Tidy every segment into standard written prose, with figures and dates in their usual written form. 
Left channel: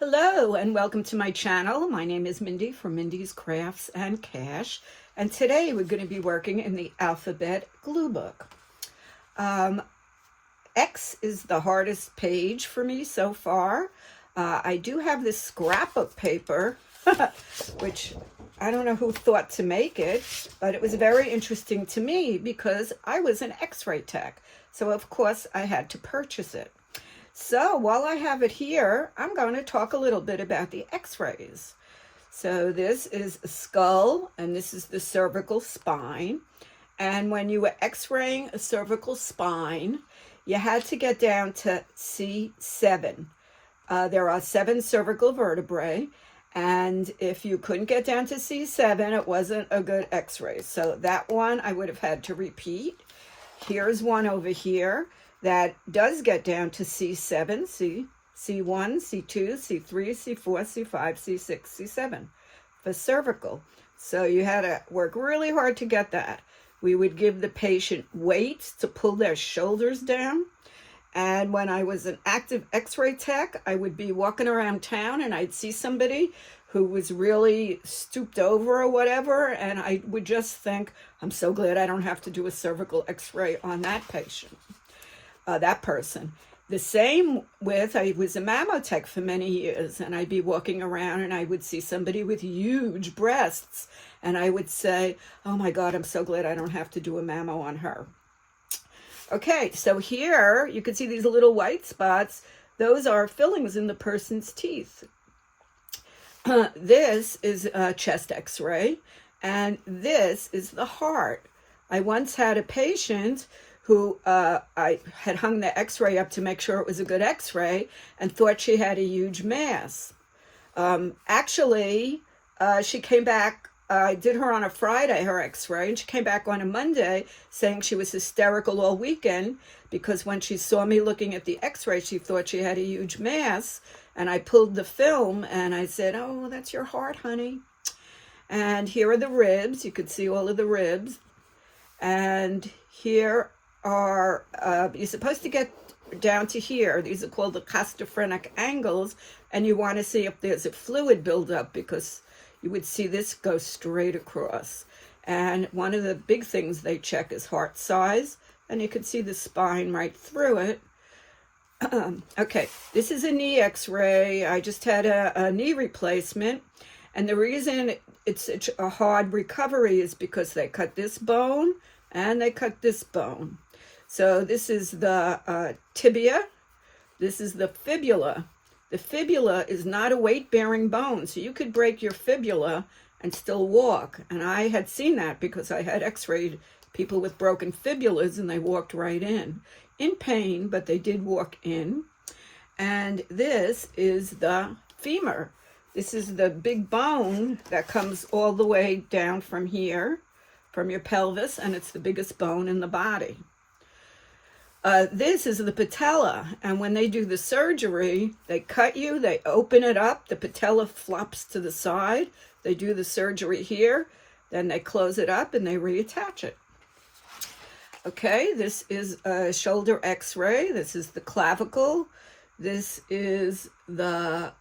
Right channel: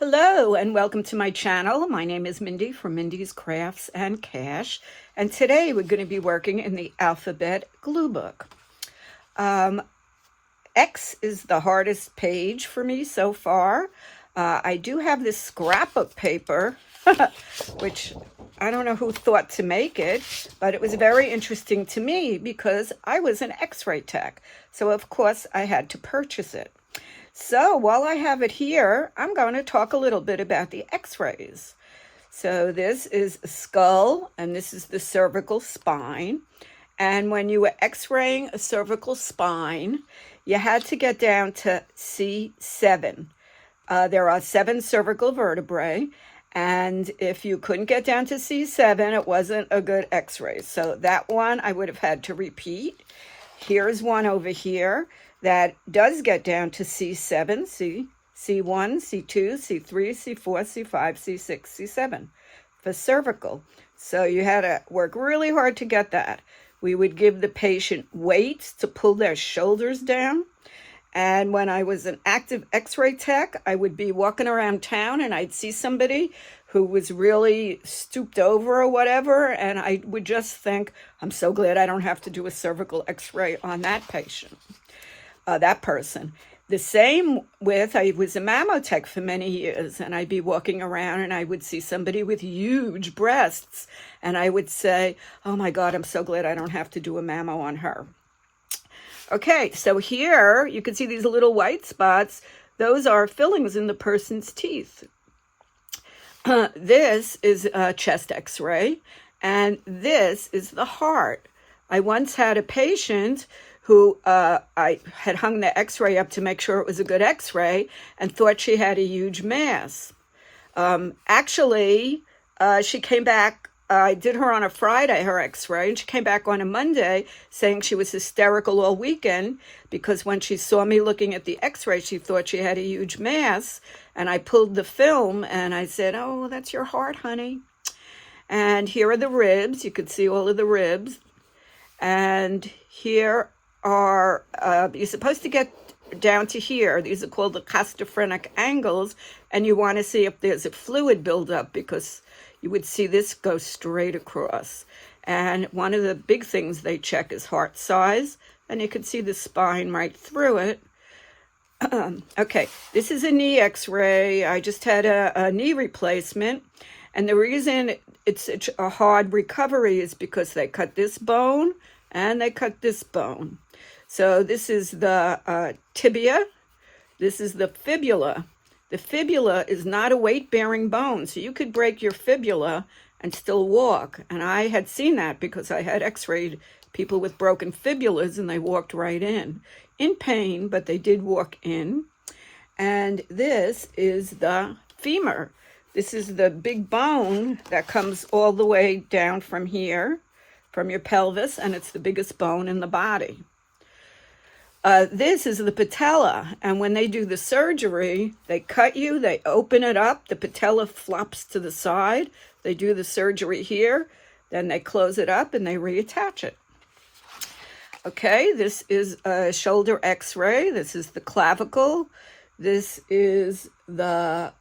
Hello and welcome to my channel. My name is Mindy from Mindy's Crafts and Cash, and today we're going to be working in the alphabet glue book. X is the hardest page for me so far. I do have this scrapbook paper, which I don't know who thought to make it, but it was very interesting to me because I was an X-ray tech. So of course I had to purchase it. So while I have it here, I'm going to talk a little bit about the X-rays. So this is a skull and this is the cervical spine. And when you were X-raying a cervical spine, you had to get down to C7. There are 7 cervical vertebrae. And if you couldn't get down to C7, it wasn't a good X-ray. So that one I would have had to repeat. Here's one over here that does get down to C7, C1, C2, C3, C4, C5, C6, C7 for cervical. So you had to work really hard to get that. We would give the patient weights to pull their shoulders down. And when I was an active X-ray tech, I would be walking around town and I'd see somebody who was really stooped over or whatever, and I would just think, I'm so glad I don't have to do a cervical X-ray on that patient. That person. The same with, I was a mammotech for many years, and I'd be walking around and I would see somebody with huge breasts, and I would say, oh my God, I'm so glad I don't have to do a mammo on her. Okay, so here you can see these little white spots. Those are fillings in the person's teeth. This is a chest X-ray, and this is the heart. I once had a patient who I had hung the X-ray up to make sure it was a good X-ray and thought she had a huge mass. Actually, she came back, I did her on a Friday, her X-ray, and she came back on a Monday saying she was hysterical all weekend because when she saw me looking at the X-ray, she thought she had a huge mass. And I pulled the film and I said, oh, that's your heart, honey. And here are the ribs. You could see all of the ribs. And here are, you're supposed to get down to here. These are called the costophrenic angles. And you want to see if there's a fluid buildup because you would see this go straight across. And one of the big things they check is heart size. And you can see the spine right through it. Okay, this is a knee X-ray. I just had a knee replacement. And the reason it's such a hard recovery is because they cut this bone and they cut this bone. So this is the tibia. This is the fibula. The fibula is not a weight-bearing bone, so you could break your fibula and still walk. And I had seen that because I had X-rayed people with broken fibulas and they walked right in pain, but they did walk in. And this is the femur. This is the big bone that comes all the way down from here, from your pelvis, and it's the biggest bone in the body. This is the patella, and when they do the surgery, they cut you, they open it up, the patella flops to the side, they do the surgery here, then they close it up and they reattach it. Okay, this is a shoulder X-ray. This is the clavicle. This is the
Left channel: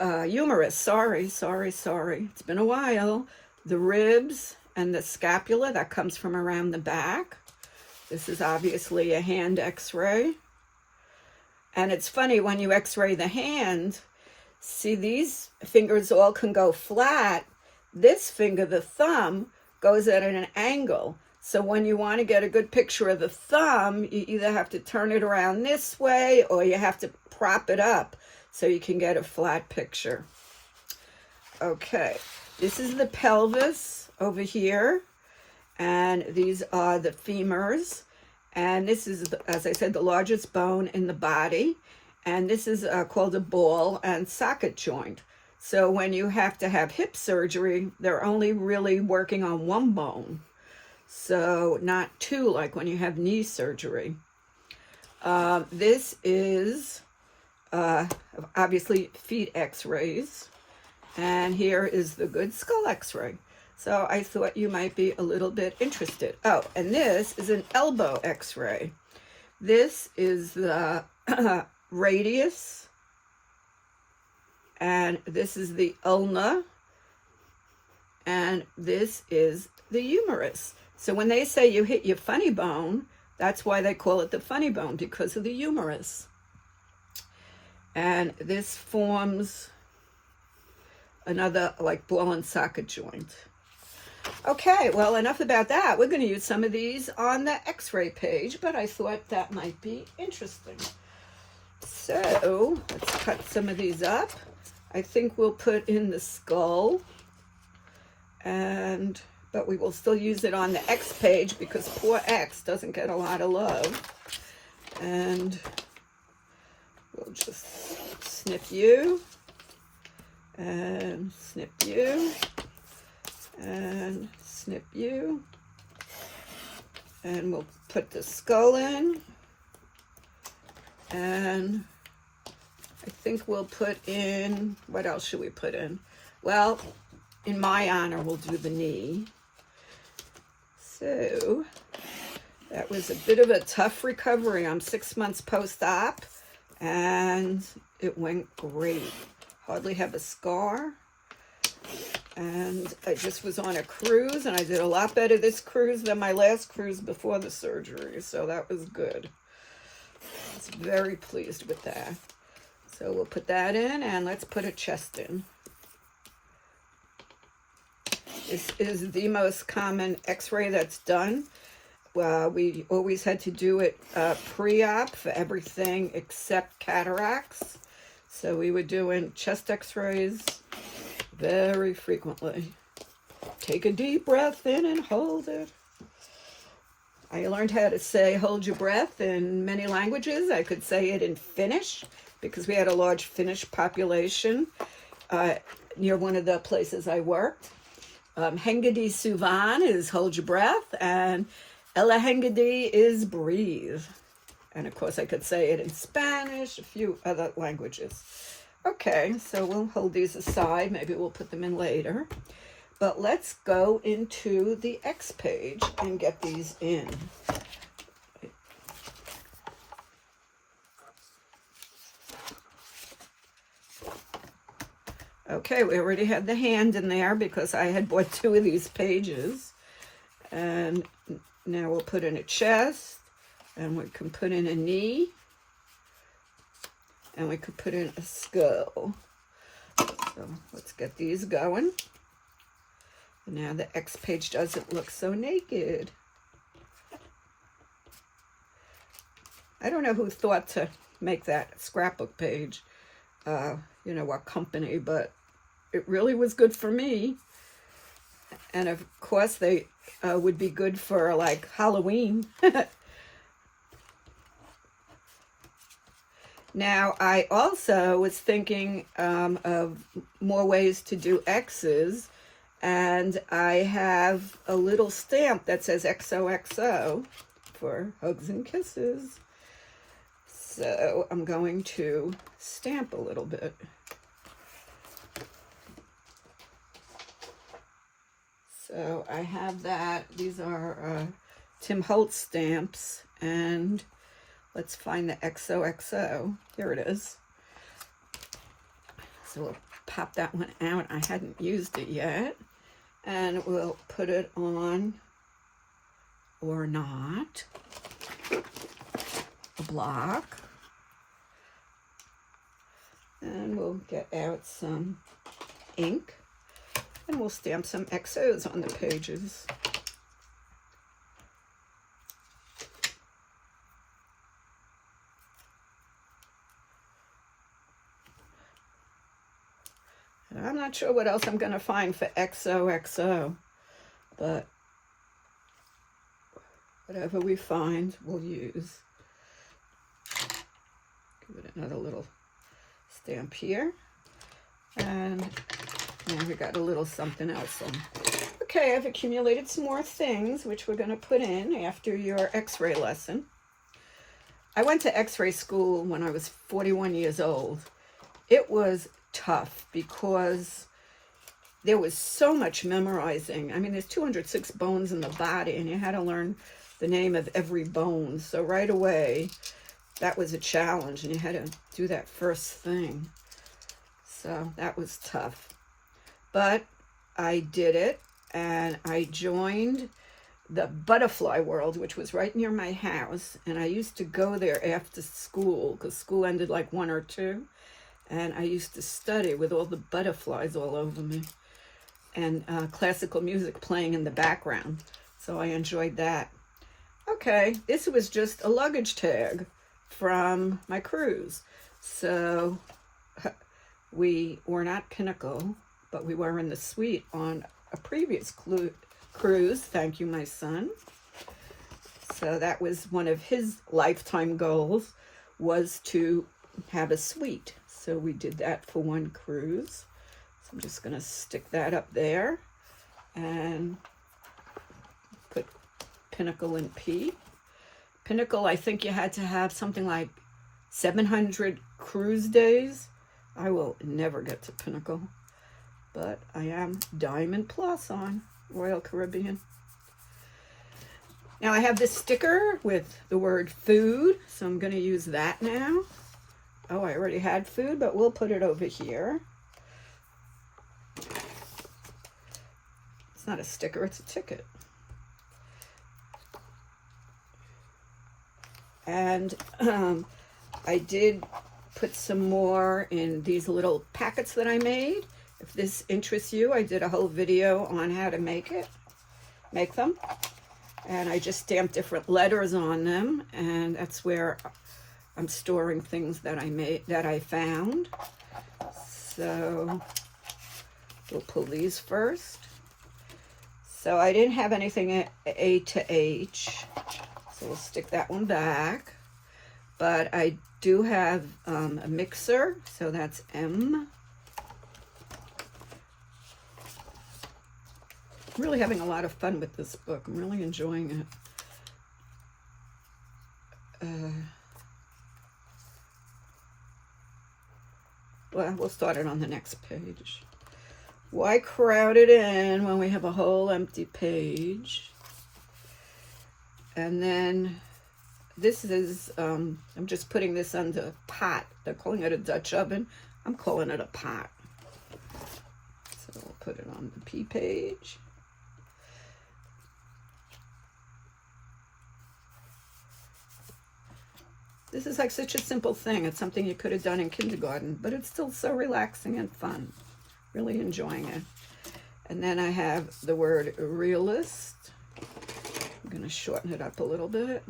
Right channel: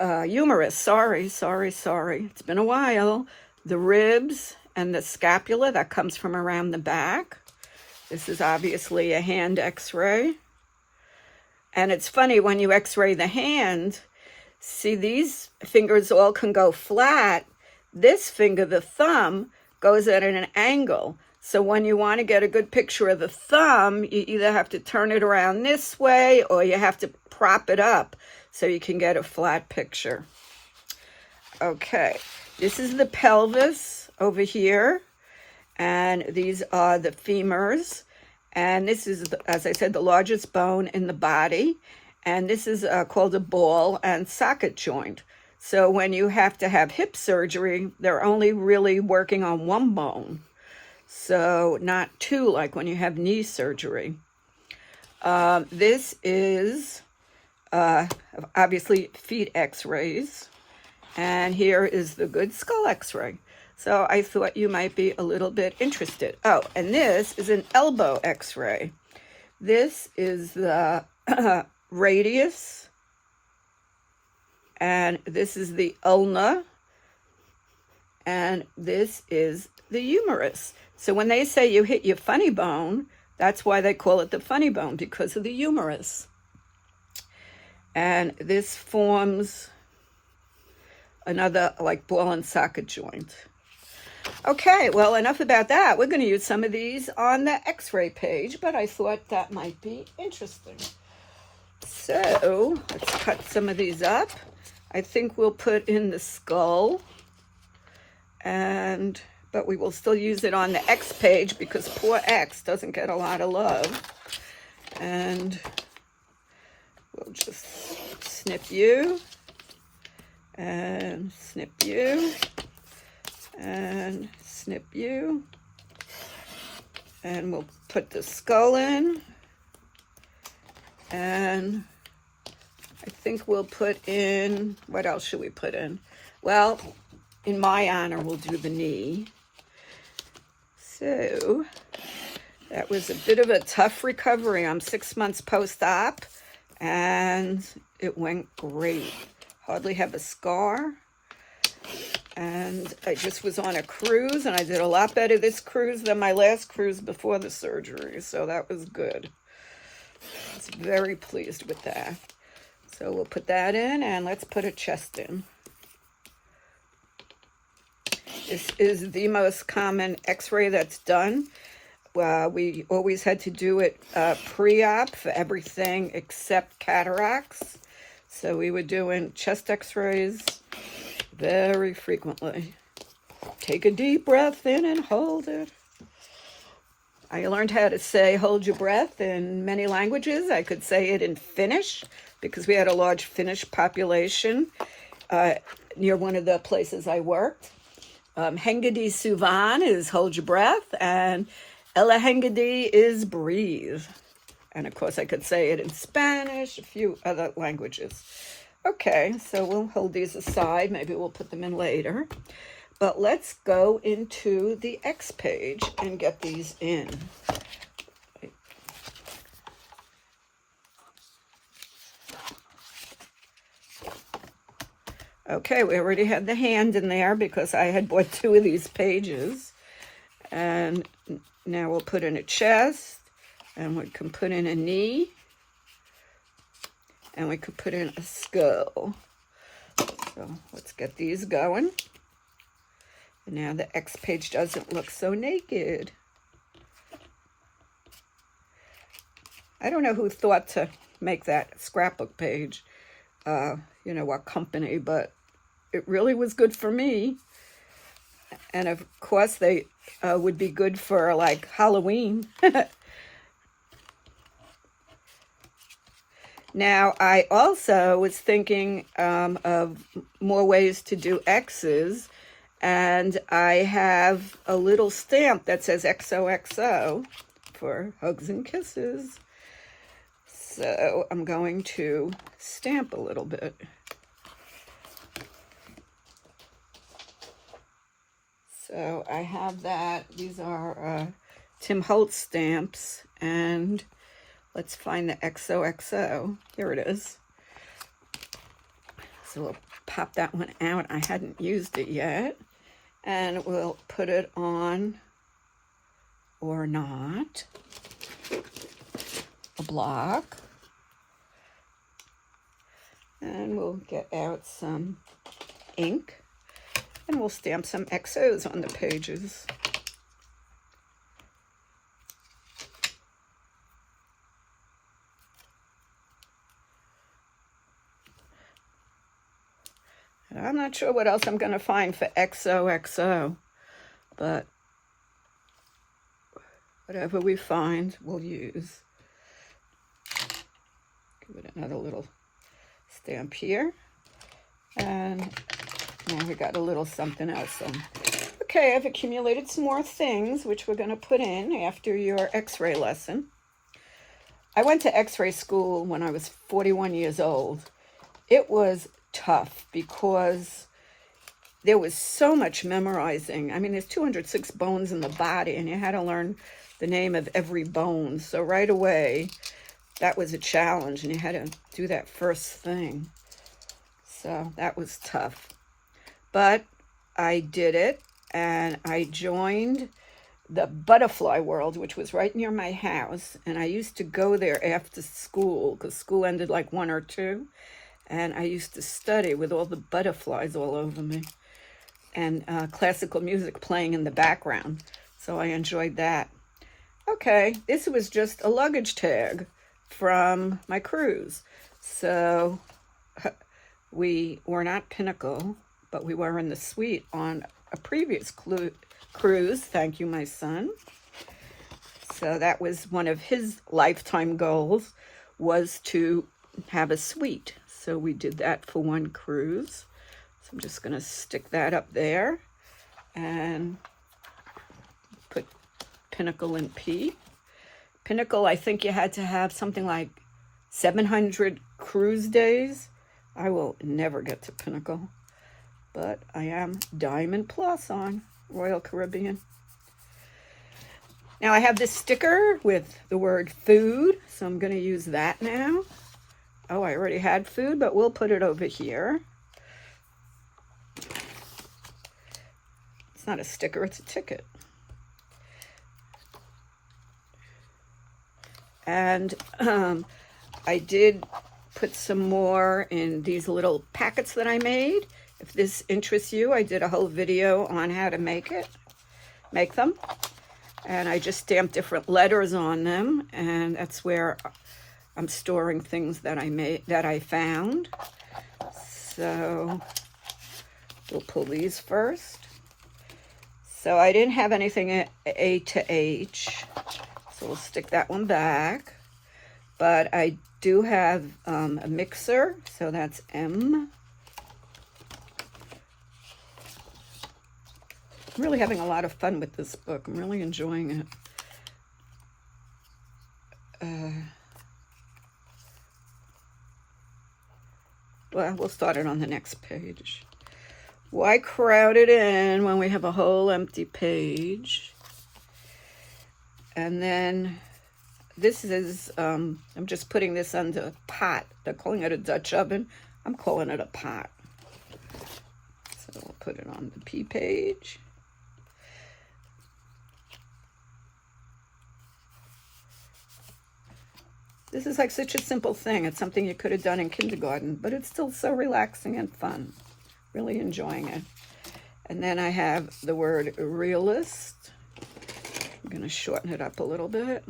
humerus. Sorry. It's been a while. The ribs and the scapula that comes from around the back. This is obviously a hand X-ray. And it's funny when you X-ray the hand, see these fingers all can go flat. This finger, the thumb, goes at an angle. So when you want to get a good picture of the thumb, you either have to turn it around this way or you have to prop it up so you can get a flat picture. Okay, this is the pelvis over here. And these are the femurs. And this is, as I said, the largest bone in the body. And this is called a ball and socket joint. So when you have to have hip surgery, they're only really working on one bone. So not two, like when you have knee surgery. This is obviously feet X-rays. And here is the good skull X-ray. So I thought you might be a little bit interested. Oh, and this is an elbow X-ray. This is the radius and this is the ulna, and this is the humerus. So when they say you hit your funny bone, that's why they call it the funny bone, because of the humerus. And this forms another like ball and socket joint. Okay, well, enough about that. We're going to use some of these on the x-ray page, but I thought that might be interesting. So let's cut some of these up. I think we'll put in the skull, but we will still use it on the X page because poor X doesn't get a lot of love. And we'll just snip you, and snip you, and snip you. And we'll put the skull in. And I think we'll put in, what else should we put in? Well, in my honor, we'll do the knee. So that was a bit of a tough recovery. I'm 6 months post-op, and it went great. Hardly have a scar. And I just was on a cruise, and I did a lot better this cruise than my last cruise before the surgery, so that was good. I was very pleased with that. So we'll put that in, and let's put a chest in. This is the most common x-ray that's done. We always had to do it pre-op for everything except cataracts. So we were doing chest x-rays very frequently. Take a deep breath in and hold it. I learned how to say hold your breath in many languages. I could say it in Finnish because we had a large Finnish population near one of the places I worked. Hengadi Suvan is hold your breath, and Ella Hengadi is breathe. And of course I could say it in Spanish, a few other languages. Okay, so we'll hold these aside. Maybe we'll put them in later. But let's go into the X page and get these in. Okay, we already had the hand in there because I had bought 2 of these pages. And now we'll put in a chest, and we can put in a knee, and we could put in a skull. So let's get these going. Now the X page doesn't look so naked. I don't know who thought to make that scrapbook page, you know, what company, but it really was good for me. And of course they would be good for like Halloween. Now, I also was thinking of more ways to do X's, and I have a little stamp that says XOXO for hugs and kisses. So I'm going to stamp a little bit. So I have that. These are Tim Holtz stamps, and let's find the XOXO. Here it is. So we'll pop that one out. I hadn't used it yet. And we'll put it on, or not, a block. And we'll get out some ink. And we'll stamp some XOs on the pages. And I'm not sure what else I'm going to find for XOXO, but whatever we find, we'll use. Give it another little stamp here. And now we got a little something else. Okay, I've accumulated some more things, which we're going to put in after your x-ray lesson. I went to x-ray school when I was 41 years old. It was tough because there was so much memorizing. I mean, there's 206 bones in the body, and you had to learn the name of every bone. So right away, that was a challenge, and you had to do that first thing. So that was tough. But I did it, and I joined the Butterfly World, which was right near my house. And I used to go there after school, because school ended like 1 or 2. And I used to study with all the butterflies all over me, and classical music playing in the background. So I enjoyed that. Okay, this was just a luggage tag from my cruise. So we were not Pinnacle, but we were in the suite on a previous cruise. Thank you, my son. So that was one of his lifetime goals, was to have a suite. So we did that for one cruise. So I'm just going to stick that up there and put Pinnacle in P. Pinnacle, I think you had to have something like 700 cruise days. I will never get to Pinnacle, but I am Diamond Plus on Royal Caribbean. Now I have this sticker with the word food, so I'm going to use that now. Oh, I already had food, but we'll put it over here. It's not a sticker, it's a ticket. And I did put some more in these little packets that I made. If this interests you, I did a whole video on how to make them. And I just stamped different letters on them, and that's where I'm storing things that I found. So we'll pull these first. So I didn't have anything at A to H, so we'll stick that one back. But I do have a mixer, so that's M. I'm really having a lot of fun with this book. I'm really enjoying it. Well, we'll start it on the next page. Why crowd it in when we have a whole empty page? And then this is, I'm just putting this under pot. They're calling it a Dutch oven. I'm calling it a pot. So we'll put it on the P page. This is like such a simple thing. It's something you could have done in kindergarten, but it's still so relaxing and fun. Really enjoying it. And then I have the word realist. I'm going to shorten it up a little bit.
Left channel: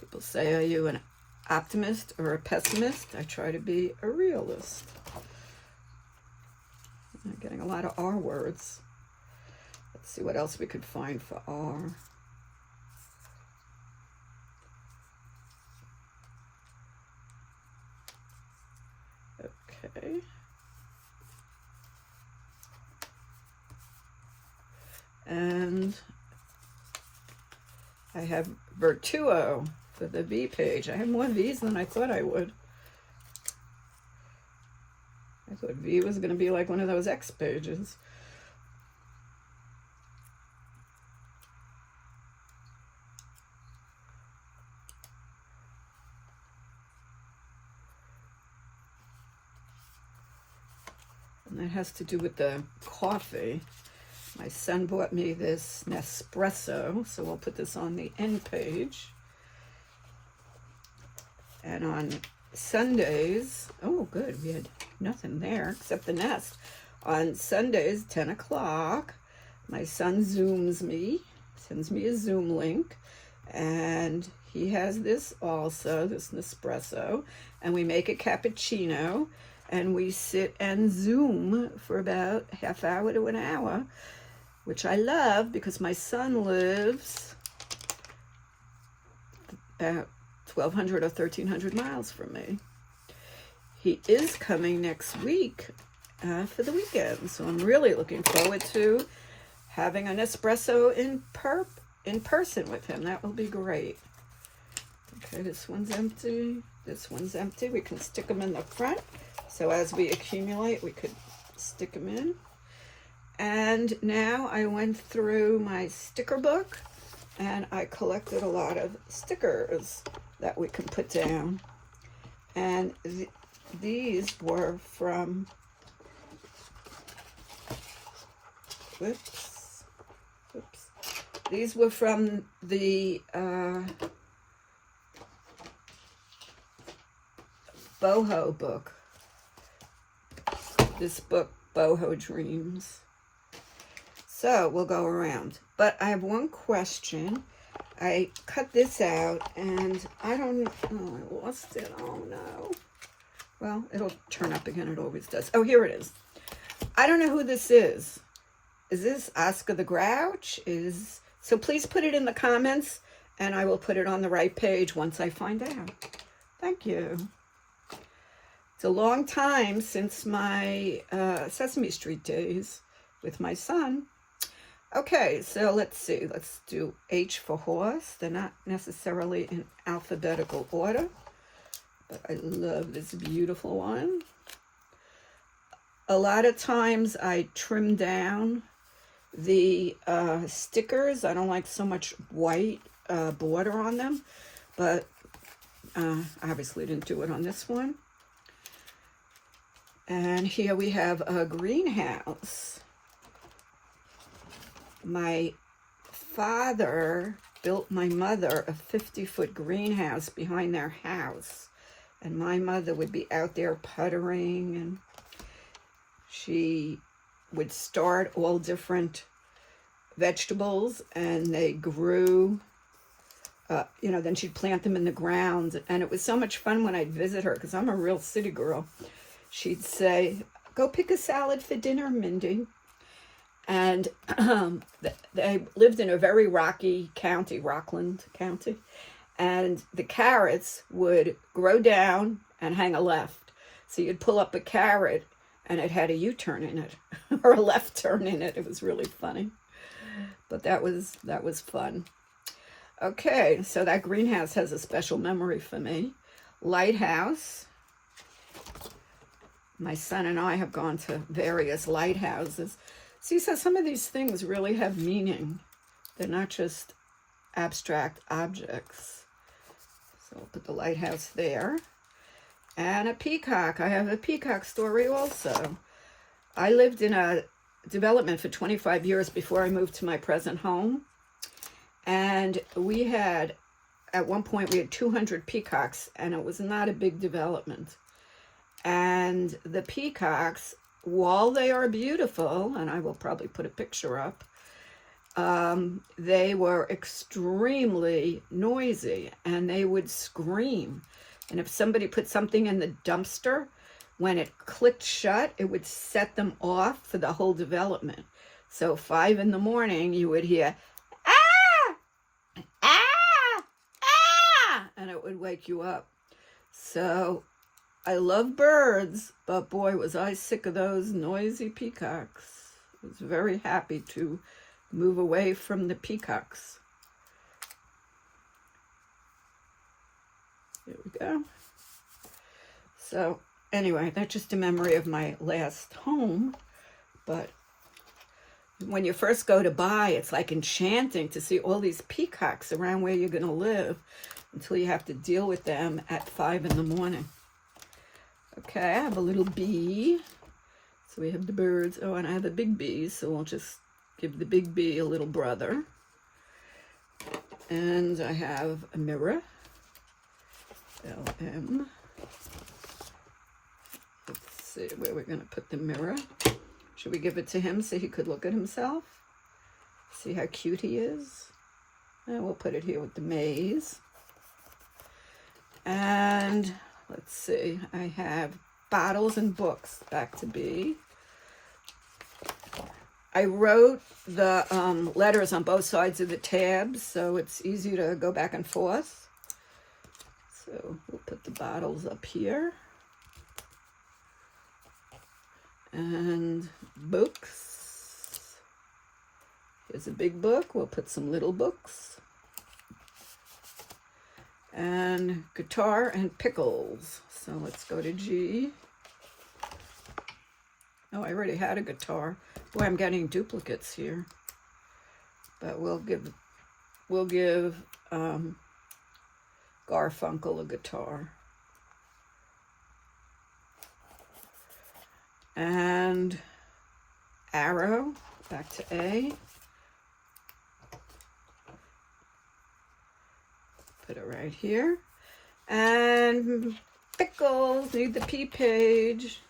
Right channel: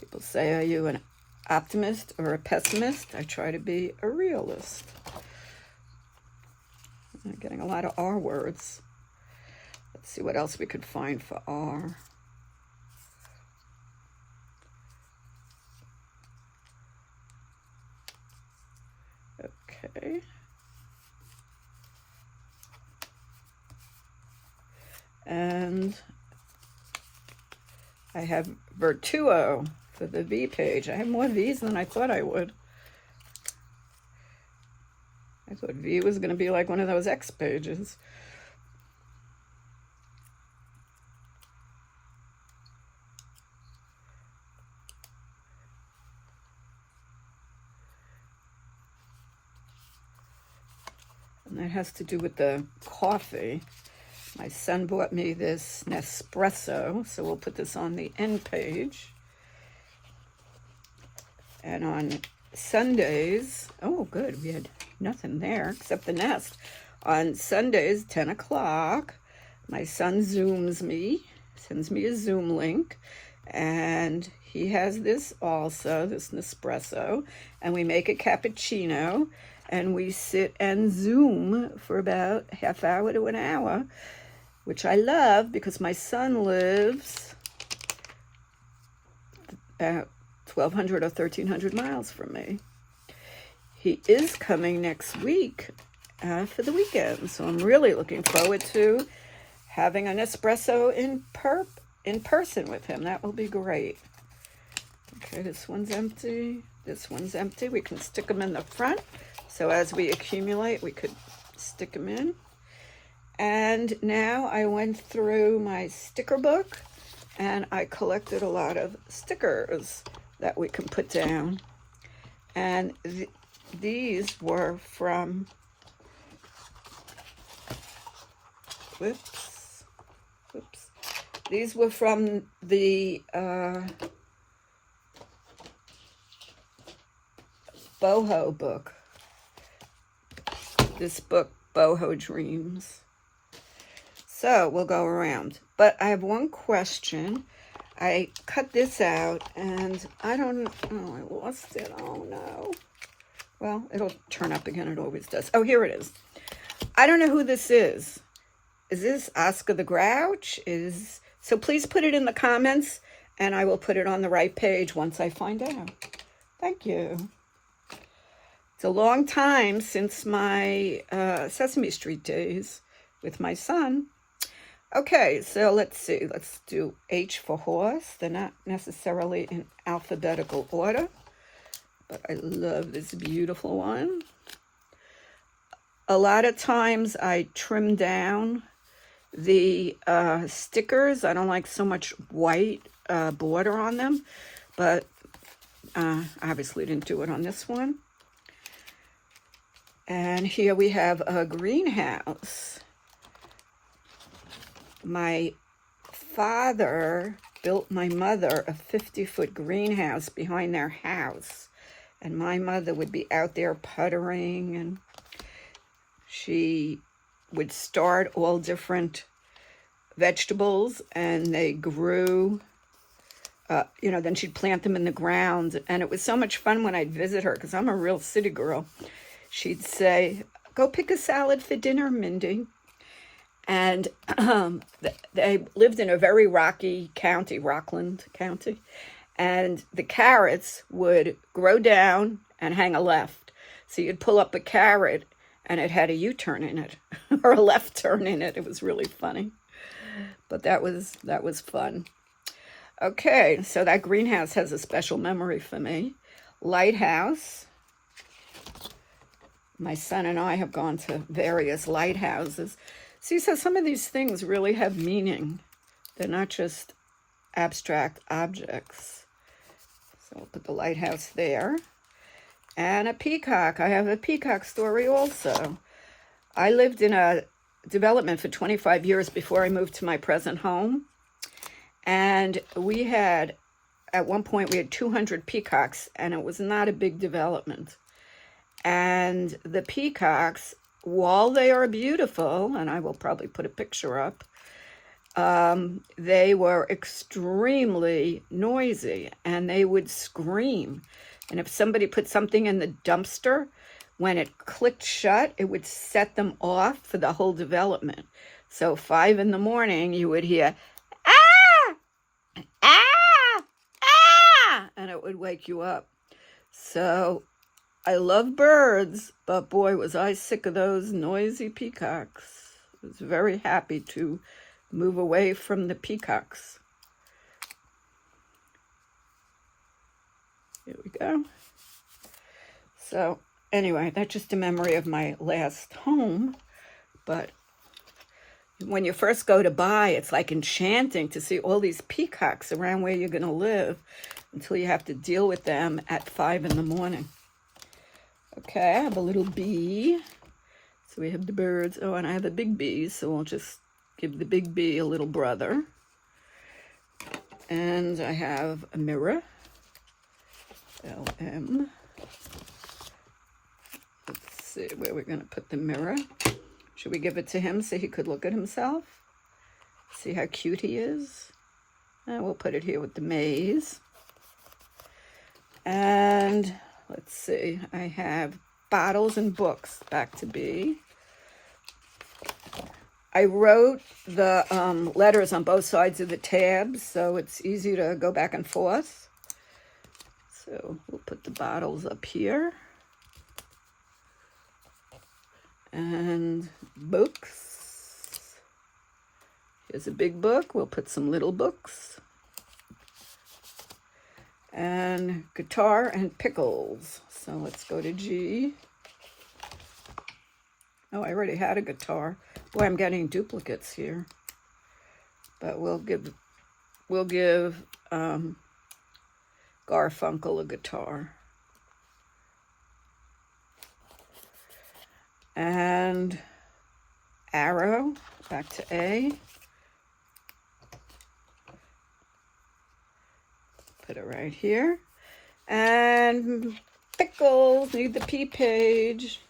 People say, are you an optimist or a pessimist? I try to be a realist. I'm getting a lot of R words. Let's see what else we could find for R. Okay. And I have Vertuo for the V page. I have more V's than I thought I would. I thought V was going to be like one of those X pages. And that has to do with the coffee. My son bought me this Nespresso, so we'll put this on the end page. And on Sundays, oh good, we had nothing there except the nest. On Sundays, 10 o'clock, my son Zooms me, sends me a Zoom link, and he has this also, this Nespresso, and we make a cappuccino, and we sit and Zoom for about half hour to an hour, which I love because my son lives about 1,200 or 1,300 miles from me. He is coming next week for the weekend, so I'm really looking forward to having an espresso in person with him. That will be great. Okay, this one's empty. This one's empty. We can stick them in the front. So as we accumulate, we could stick them in. And now I went through my sticker book and I collected a lot of stickers that we can put down. And these were from, these were from the boho book. This book, Boho Dreams. So we'll go around. But I have one question. I cut this out and I don't know, I lost it. Oh no. Well, it'll turn up again. It always does. Oh, here it is. I don't know who this is. Is this Oscar the Grouch? So please put it in the comments and I will put it on the right page once I find out. Thank you. It's a long time since my Sesame Street days with my son. Okay, so let's see. Let's do H for horse. They're not necessarily in alphabetical order, but I love this beautiful one. A lot of times I trim down the stickers. I don't like so much white border on them, but obviously didn't do it on this one. And here we have a greenhouse. My father built my mother a 50-foot greenhouse behind their house. And my mother would be out there puttering, and she would start all different vegetables, and they grew, then she'd plant them in the ground. And it was so much fun when I'd visit her, because I'm a real city girl. She'd say, "Go pick a salad for dinner, Mindy." And they lived in a very rocky county, Rockland County. And the carrots would grow down and hang a left. So you'd pull up a carrot and it had a U-turn in it or a left turn in it. It was really funny. But that was fun. Okay, so that greenhouse has a special memory for me. Lighthouse. My son and I have gone to various lighthouses. See, so some of these things really have meaning. They're not just abstract objects. So I'll put the lighthouse there. And a peacock. I have a peacock story also. I lived in a development for 25 years before I moved to my present home. And we had, at one point, we had 200 peacocks, and it was not a big development. And the peacocks, while they are beautiful, and I will probably put a picture up, they were extremely noisy, and they would scream. And if somebody put something in the dumpster, when it clicked shut, it would set them off for the whole development. So 5 in the morning, you would hear, "Ah! Ah! Ah!" and it would wake you up. So I love birds, but boy, was I sick of those noisy peacocks. I was very happy to move away from the peacocks. Here we go. So anyway, that's just a memory of my last home. But when you first go to buy, it's like enchanting to see all these peacocks around where you're going to live until you have to deal with them at 5 in the morning. Okay, I have a little bee. So we have the birds. Oh, and I have a big bee, so we'll just give the big bee a little brother. And I have a mirror. LM. Let's see where we're going to put the mirror. Should we give it to him so he could look at himself? See how cute he is? And we'll put it here with the maze. And let's see, I have bottles and books, back to B. I wrote the letters on both sides of the tabs, so it's easy to go back and forth. So we'll put the bottles up here. And books. Here's a big book. We'll put some little books. And guitar and pickles. So let's go to G. Oh, I already had a guitar. Boy, I'm getting duplicates here. But we'll we'll give Garfunkel a guitar. And arrow, back to A. Put it right here. And Pickles, need the P page.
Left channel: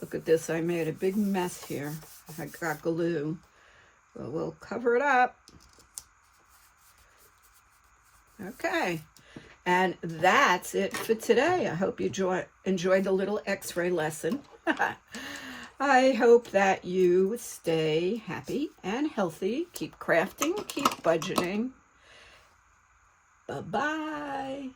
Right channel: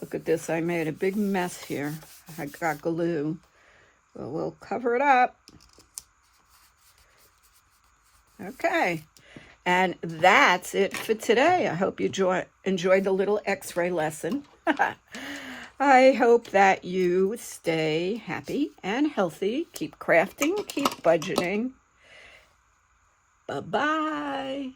Look at this, I made a big mess here. I got glue. Well, we'll cover it up. Okay, and that's it for today. I hope you enjoyed the little X-ray lesson. I hope that you stay happy and healthy. Keep crafting, keep budgeting. Bye-bye.